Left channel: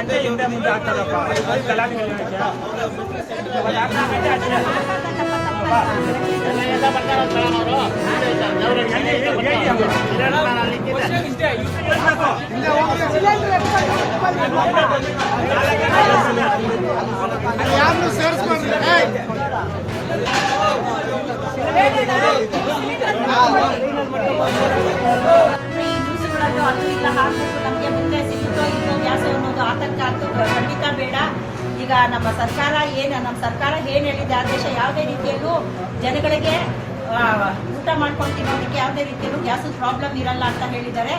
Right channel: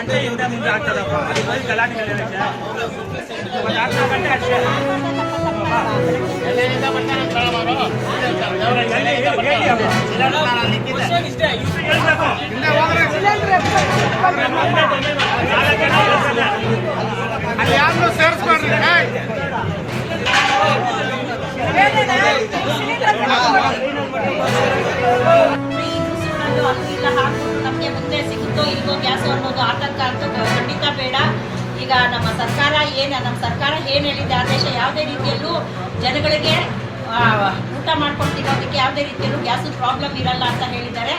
ಗಂಟೆಯಿಂದ ಮುಂದೆ ಆಗ್ತದಪ್ಪ ಗಲಾಟೆ ಅಲ್ಲಿ ಯಾರನ್ನು ಸೇರಿಸ್ಬೇಡ್ರಿ. ಅದು ಇಲ್ಲ ಹಾಕ್ಬಿಟ್ಟು ನಮಗೆ ಮುಂದೆ ಸಿಗುತ್ತೋ ಇಲ್ವೋ ಗ್ಯಾಸ್ ಅನ್ನೋದು ಆತಂಕ ಅಂತೂ ಖಂಡಿತ ಬೇಡ. ಈಗ ನಮ್ಮ ಸರ್ಕಾರ ಏನು ಹೇಳಿದೆ ಆದೇಶ, ಯಾವುದೇ ರೀತಿಯಲ್ಲೂ ಜನಗಳಿಗೆ ಊಟ ಮಾಡ್ಕೊಂಡು ತಿನ್ನೋದಕ್ಕೆ ಯಾವುದೇ ರೀತಿಯಲ್ಲೂ ಗ್ಯಾಸ್ ಪ್ರಾಬ್ಲಮ್ ಇರಲ್ಲ ಅಂತ ಹೇಳಿದ್ದಾರೆ.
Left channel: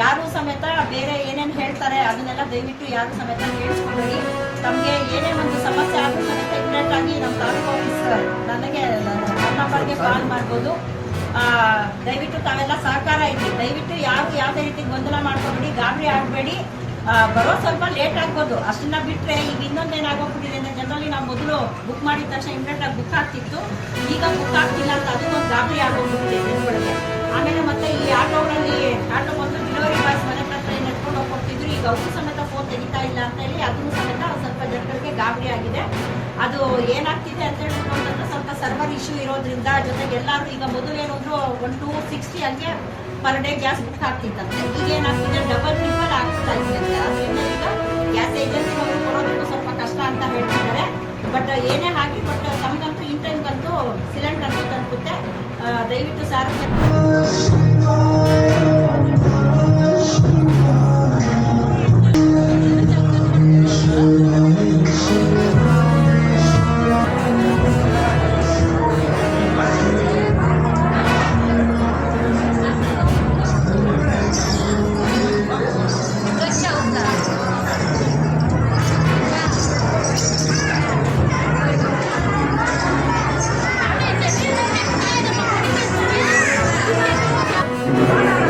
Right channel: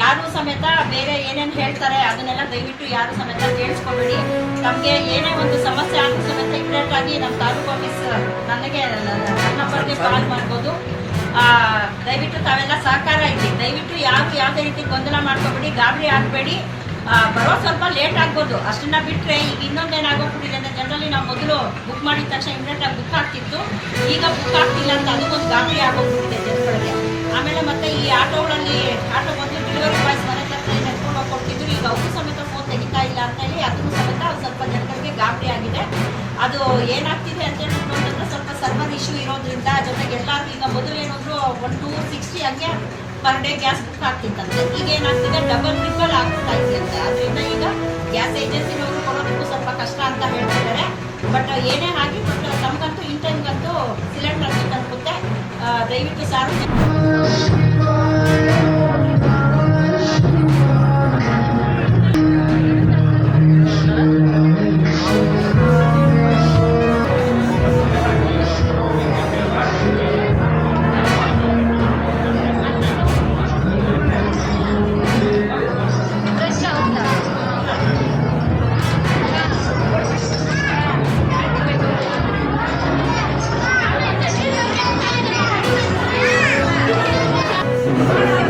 ಯಾರು ಸಮೇತ ಬೇರೆ ಏನೇನು ಹೇಳ್ತಾರೆ ಅದನ್ನೆಲ್ಲ ದಯವಿಟ್ಟು ಯಾರು ಸಮೇತ ಕೇಳಿಸ್ಕೊಬೇಡಿ. ತಮಗೆ ಏನೇ ಒಂದು ಸಮಸ್ಯೆ ಆದರೂ ಸಮೇತ ಇಮಿಡಿಯೇಟ್ ಆಗಿ ನಮ್ಮ ತಾಲೂಕು ಆಫೀಸ್ ನನಗೆ ನನ್ನ ನಂಬರ್ಗೆ ಕಾಲ್ ಮಾಡ್ಬೋದು. ದಯವಿಟ್ಟು ತಾವೆಲ್ಲ ಸಹಕಾರ ಇರಲಿ. ದಯವಿಟ್ಟು ಯಾರು ಯಾವುದೇ ರೀತಿ ಗೊಂದಲ ಮಾಡ್ಕೊಬೇಡಿ, ಗಾಬರಿ ಆಗಬೇಡಿ. ಬರೋ ಸ್ವಲ್ಪ ಲೇಟ್ ಆಗ್ಬೋದು, ಅಷ್ಟನ್ನ ಬಿಟ್ಟರೆ ಈಗ ಇನ್ನೊಂದೇನಾಗೋಗ್ಬಿಟ್ಟಿದೆ ಅಂದರೆ ಜನರಲಿ ನಾವು ಮೊದಲು ಬುಕ್ ಮಾಡಿದ ತಕ್ಷಣ ಇಮಿಡಿಯೇಟಾಗಿ ಬುಕ್ ಆಗ್ತಿತ್ತು, ಈಗ ಬುಕ್ ಆಗ್ತಿಲ್ಲ ಅಂತ ಅದು ಒಂದು ಗಾಬರಿ ಆಗೋಗ್ಬಿಟ್ಟಿದೆ ಜನಗಳಿಗೆ. ಆಮೇಲೆ ಮತ್ತೆ ಈ ಆಟೋ ಬಂದು ಡೆಲಿವರಿ ಬಾಯ್ಸ್ ಮನೆ ಹತ್ರ ನೆತ್ಕೊಂಡು ಹೋಗಿ ಕೊಡ್ತಿದ್ರು, ಈಗ ಅವ್ರು ಸಮೇತ ಫೋನ್ ತೆಗಿತಾ ಇಲ್ಲ ಅಂತ ಹೇಳಿ ಅದನ್ನು ಸಮೇತ ಸ್ವಲ್ಪ ಜನಗಳಿಗೆ ಗಾಬರಿ ಆಗಿದೆ. ಅದು ಏನಾಗ್ತಿದೆ ಅಂತೇಳಿ ನೋಡಿದ್ರೆ ಸ್ವಲ್ಪ ಸರ್ವರ್ ಇಶ್ಯೂ ಇರೋದ್ರಿಂದ, ಜೊತೆಗೆ ಎಲ್ಲರೂ ಈಗ ಮೊದಲು ಏನಾದ್ರು 1-260 ಹಂಗೆ ಪರ್ ಡೇ ಗ್ಯಾಸ್ ಬುಕ್ ಆಗ್ತಿತ್ತಂತೆ, ಈಗ ಏನಾಗ್ತಿದೆ ಡಬಲ್ ಟ್ರಿಪಲ್ ಆಗ್ತಾ ಇದೆ ಅಂತೆ. ಅದರಿಂದ ಈಗ ಗ್ಯಾಸ್ ಏಜೆನ್ಸಿನವರು ಕೊಡೋದಕ್ಕೂ ಸ್ವಲ್ಪ ಕಷ್ಟ ಅಂತ ಹೇಳ್ತಿದ್ದಾರೆ. ಬಟ್ ಏನೇ ಆಗಿ ಬಟ್ ತಮಗಂತೂ ಇನ್ ಟೈಮ್ಗಂತೂ ಸಿಲಿಂಡರ್ ಅಂತೂ ತಲುಪುತ್ತೆ. ದಯವಿಟ್ಟು ಸಾರ್ವಜನಿಕ Thank you.